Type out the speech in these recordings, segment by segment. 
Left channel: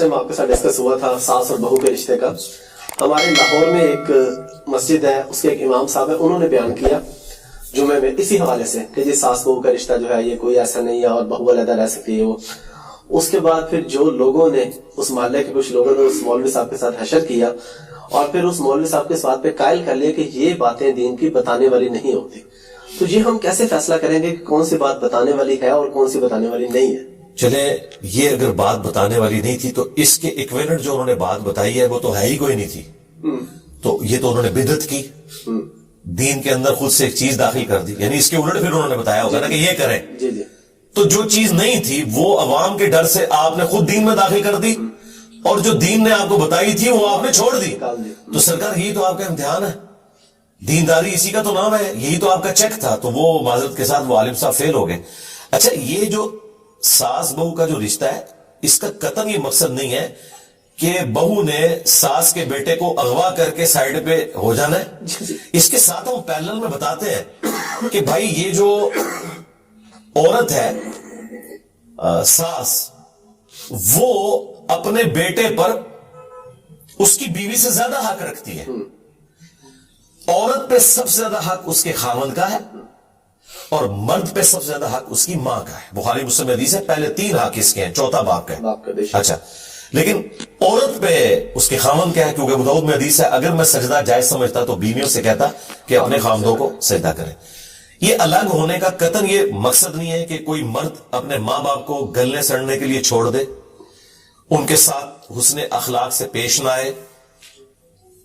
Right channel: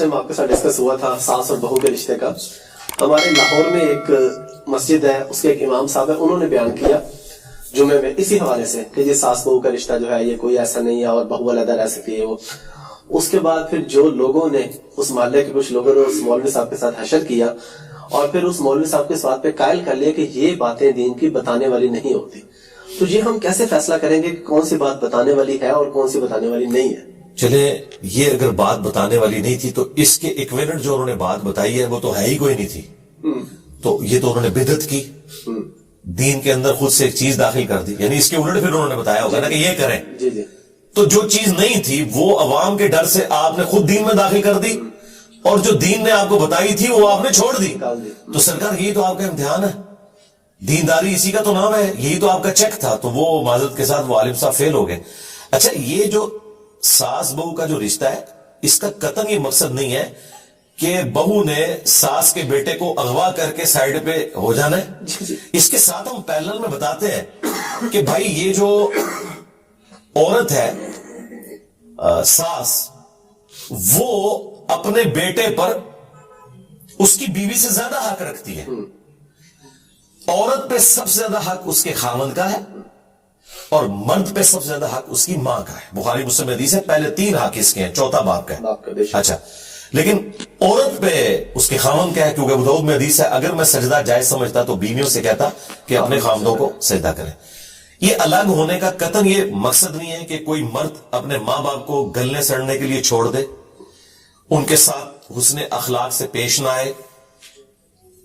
آپ کے ساتھ ڈسکس ہوا تھا ساس اور بہو کے رشتے کا. ہمارے لاہور میں ایک مسجد ہے, اس کے ایک امام صاحب ہے, انہوں نے بیان کیا جمعے میں اسی حوالے سے کہ جی ساس بہو کا رشتہ جو ہے یہ کوئی ایسا نہیں ہے اور بہو علیحدہ رہ سکتی ہے. وہ اس کے بعد پھر جو لوگوں نے اس محلے کے کچھ لوگوں نے اس مولوی صاحب کے ساتھ حشر کیا اور پھر اس مولوی صاحب کے اس بات پہ قائل کر لیا کہ یہ باتیں دین کی بتانے والی نہیں ہوتی. تو یہ ہم کیسے فیصلہ کریں گے کہ کون سی بات بتانے والی ہے اور کون سی بتانے والی نہیں ہے؟ چلیں, یہ اگر بات بتانے والی نہیں تھی تو اس کے ایکوینٹ جو انہوں نے بات بتائی ہے وہ تو ہے ہی کوئی نہیں تھی. تو یہ تو انہوں نے بدعت کی, دین کے اندر خود سے ایک چیز داخل کر دی, یعنی اس کے الٹ پھر انہوں نے بتایا ہوگا نا کہ یہ کریں. جی جی. تو جو چیز نہیں تھی وہ عوام کے ڈر سے آپ نے خود دین میں داخل کر دی, اور جو دین نے آپ کو بتائی تھی وہ آپ نے چھوڑ دی. تو سرکار یہی تو آپ کا امتحان ہے, دینداری اسی کا تو نام ہے, یہی تو آپ کا چیک تھا. تو وہ معذرت کے ساتھ وہ عالم صاحب فیل ہو گئے. اچھا, یہ جو ساس بہو کا جو رشتہ ہے اس کا قطعاً یہ مقصد نہیں ہے کہ بہو نے ساس کے بیٹے کو اغوا کر کے سائیڈ پہ ہو جانا ہے. اس کے ساتھ ہم پیرلل میں بتاتے ہیں کہ بھائی یہ جو عورت ہے ساس, وہ اپنے بیٹے پر اس کی بیوی سے زیادہ حق رکھتی ہے. عورت پہ سب سے زیادہ حق اس کے خاوند کا ہے اور مرد پہ سب سے زیادہ حق اس کی ماں کا ہے. بخاری مسلم حدیث ہے, پہلے 3 حق اس کے ہیں, چوتھا باپ کا ہے. اچھا, لیکن عورت پہ اس کے خاوند کا ہے, کیونکہ ابو داؤد میں حدیث ہے اگر میں سجدہ جائز سمجھتا تو بیویوں سے کہتا کہ اپنے خاوندوں کو سجدہ کریں. یہ الگ ہونے کا قطعاً یہ مقصد نہیں ہے کہ کوئی مرد اپنے ماں باپ کو گلنے سڑنے کے لیے چھوڑ دے, ان کے ساتھ حسن اخلاق سے پیش نہ آئے,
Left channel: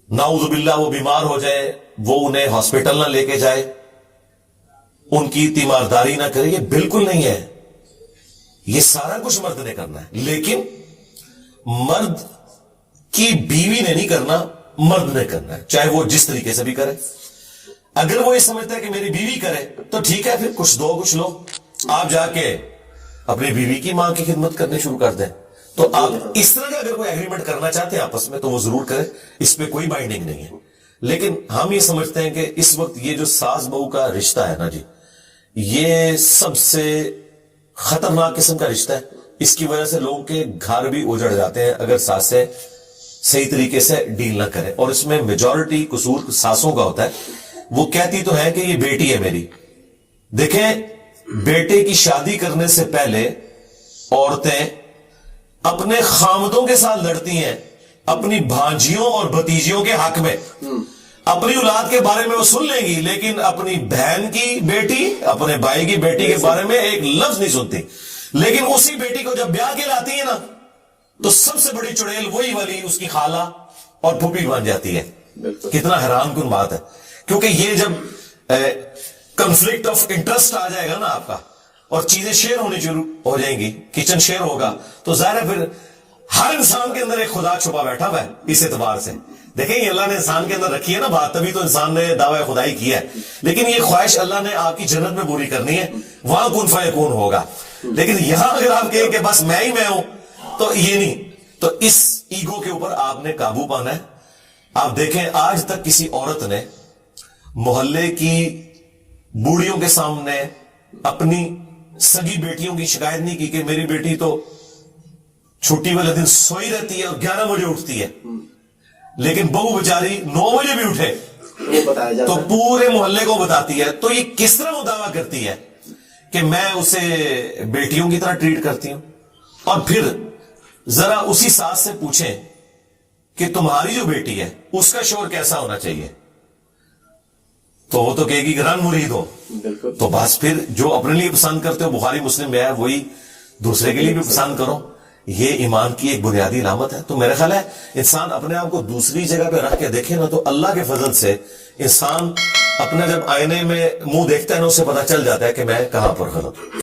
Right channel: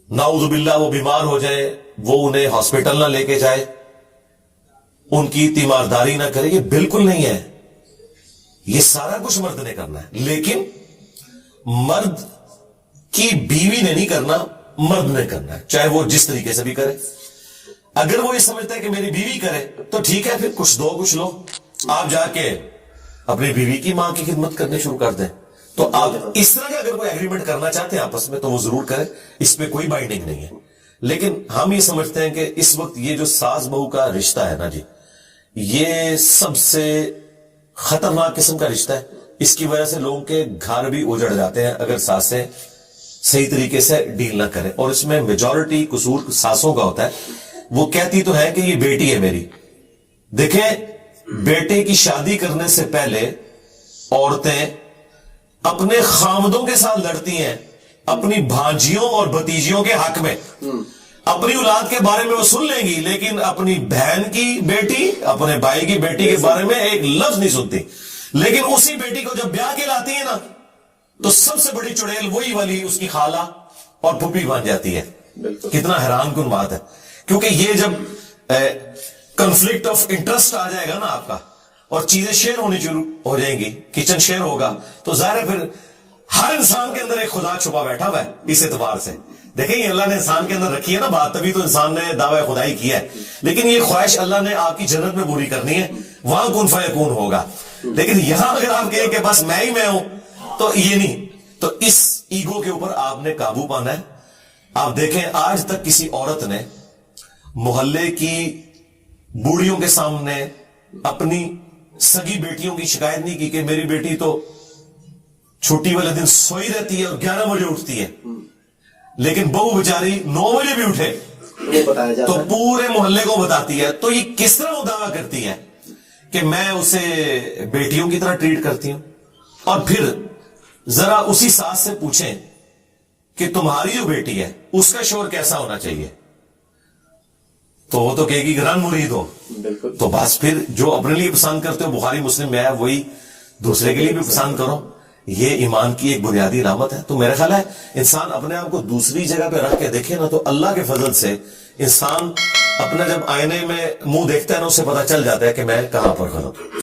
نعوذ باللہ وہ بیمار ہو جائے, وہ انہیں ہاسپٹل نہ لے کے جائے, ان کی تیمارداری نہ کرے. یہ بالکل نہیں ہے, یہ سارا کچھ مرد نے کرنا ہے. لیکن مرد کی بیوی نے نہیں کرنا, مرد نے کرنا ہے, چاہے وہ جس طریقے سے بھی کرے. اگر وہ یہ سمجھتا ہے کہ میری بیوی کرے تو ٹھیک ہے, پھر کچھ دو کچھ لو, آپ جا کے اپنی بیوی کی ماں کی خدمت کرنی شروع کر دیں. تو آپ اس طرح کا اگر کوئی ایگریمنٹ کرنا چاہتے ہیں آپس میں تو وہ ضرور کریں, اس پہ کوئی بائنڈنگ نہیں ہے. لیکن ہم یہ سمجھتے ہیں کہ اس وقت یہ جو ساس بہو کا رشتہ ہے نا جی, یہ سب سے خطرناک قسم کا رشتہ ہے. اس کی وجہ سے لوگوں کے گھر بھی اجڑ جاتے ہیں اگر ساسیں صحیح طریقے سے ڈیل نہ کریں. اور اس میں میجورٹی قصور ساسوں کا ہوتا ہے. وہ کہتی تو ہے کہ یہ بیٹی ہے میری. دیکھیں, بیٹے کی شادی کرنے سے پہلے عورتیں اپنے خامدوں کے ساتھ لڑتی ہیں اپنی بھانجیوں اور بھتیجیوں کے حق میں. اپنی اولاد کے بارے میں وہ سن لیں گی, لیکن اپنی بہن کی بیٹی, اپنے بھائی کی بیٹی کے بارے میں ایک لفظ نہیں سنتی. لیکن اسی بیٹی کو جب بیاہ کے لاتی ہے نا تو سب سے بڑی چڑیل وہی والی اس کی خالہ اور پھوپھی بن جاتی ہے. کتنا حیران کن بات ہے, کیونکہ یہ جب کنفلکٹ آف انٹرسٹ آ جائے گا نا آپ کا اور چیزیں شیئر ہونی شروع ہو جائیں گی, کچن شیئر ہوگا, تو ظاہر ہے پھر ہر انسان کے اندر ایک خدا چھپا بیٹھا ہوا ہے. اس اعتبار سے دیکھیں, یہ اللہ نے انسان کے اندر رکھی ہے نا بات, تبھی تو انسان نے دعوی خدائی کیا ہے. لیکن یہ خواہش اللہ نے آپ کی جنت میں پوری کرنی ہے, وہاں کن فیکون ہوگا. لیکن یہاں اگر آپ کہیں کہ بس میں ہی میں ہوں تو یہ نہیں. تو اس ایگو کے اوپر آپ نے قابو پانا ہے. آپ دیکھیں, آج تک کسی عورت نے محلے کی بوڑھیوں کے سامنے اپنی سگی بیٹیوں کی شکایت نہیں کی کہ میری بیٹی تو چھٹی والے دن سوئی رہتی ہے اور 11 بجے اٹھتی ہے, لیکن بہو بیچاری 9 بجے بھی اٹھے تو پورے محلے کو بتاتی ہے. تو یہ کس طرح وہ دعویٰ کرتی ہے کہ میں اسے بیٹیوں کی طرح ٹریٹ کرتی ہوں؟ اور پھر ذرا اسی ساس سے پوچھیں کہ تمہاری جو بیٹی ہے اس کا شوہر کیسا ہونا چاہیے, تو وہ تو کہے گی کہ رن مرید ہو. تو بس پھر جو اپنے لیے پسند کرتے ہو, بخاری مسلم میں ہے, وہی دوسرے کے لیے بھی پسند کرو. یہ ایمان کی ایک بنیادی علامت ہے. تو میرا خیال ہے انسان اپنے آپ کو دوسری جگہ پہ رکھ کے دیکھے نا, تو اللہ کے فضل سے انسان اپنا جب آئینے میں منہ دیکھتا ہے نا, اسے پتا چل جاتا ہے کہ میں کہاں پر غلط ہوں.